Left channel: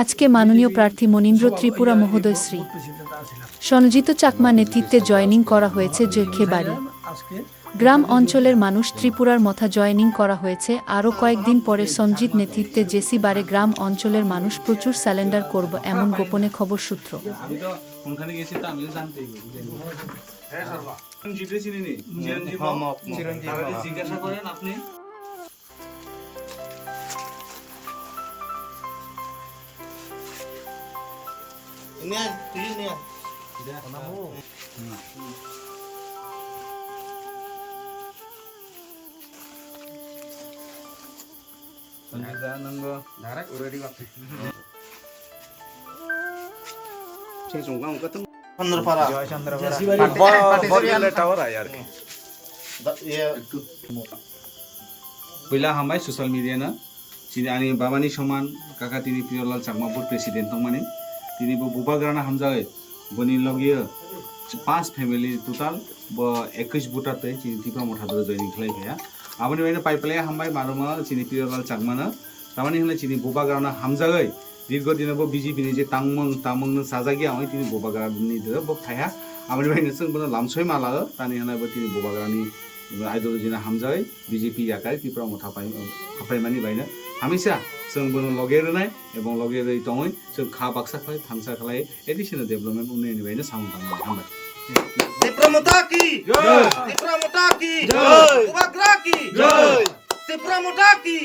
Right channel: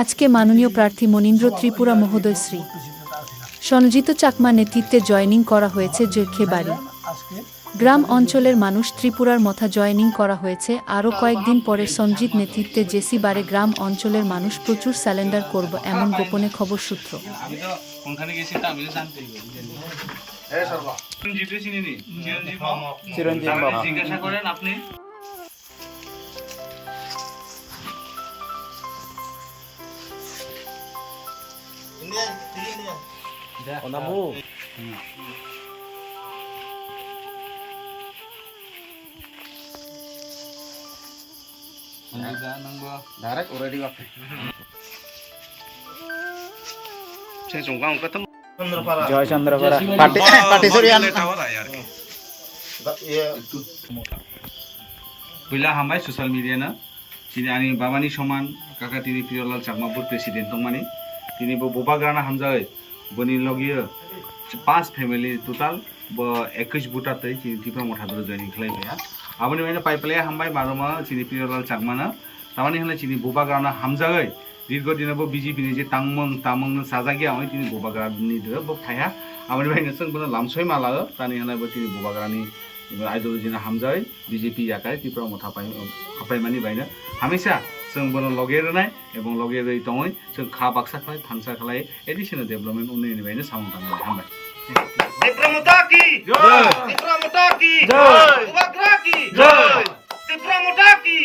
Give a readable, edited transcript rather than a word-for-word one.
আজকে মাননীয় প্রার্থী মনীন্দ্র ত্রিপুরা মহোদয় শ্রী সনজিত চাকমা নেতৃত্বে জয়েনিং করা হয়েছে জৈখেবাড়ি গ্রাম অঞ্চলের মানুষ ত্রিপুরার মথা জয়েনিং করা হয়েছে। আরও কয়েকদিন পরে সঞ্জিত নেতৃত্বে জেসি বারে গ্রাম অঞ্চলের মানুষ প্রচুর স্যালেন্ডার করব এমন গোপনে খবর সূত্র। জিজ্ঞাসা করেন আপনি Bila hambai sosial media na sini ani babani soman kakak tini Piolal Chakma bud presiden tongmani tini bo boba grana hamjai boni logia 5 family total bo 21 buta tai chini tipra motha dore joining khlai bhaya aboni baina paipale hambai maroma chini Piolal Chakma na tamani hone chini boba grana hamjai দীর্ঘ দিনে bo BJP ni je tamong sajagia oi tini boba grana ni de bo phaya aboni baina sung bono lamsoi mala tani hana bo tini boba grani ideology hamjai BJP yakai Tripura মথা পাই হাফাইমানি বাইনা হামেশা जों बोनो लगेर नाय এবং লগের এই তঙই जों খা বাক্সা খাই ফানসা খালাই এডিশনাল ডেভেলপমেন্ট উন্নয়ন বাইনা সাউন্ড থাঙ্গা হামবাই ত্রিপুরা কি জয় ত্রিপুরা কি জয় বগরা কি জয় ত্রিপুরা কি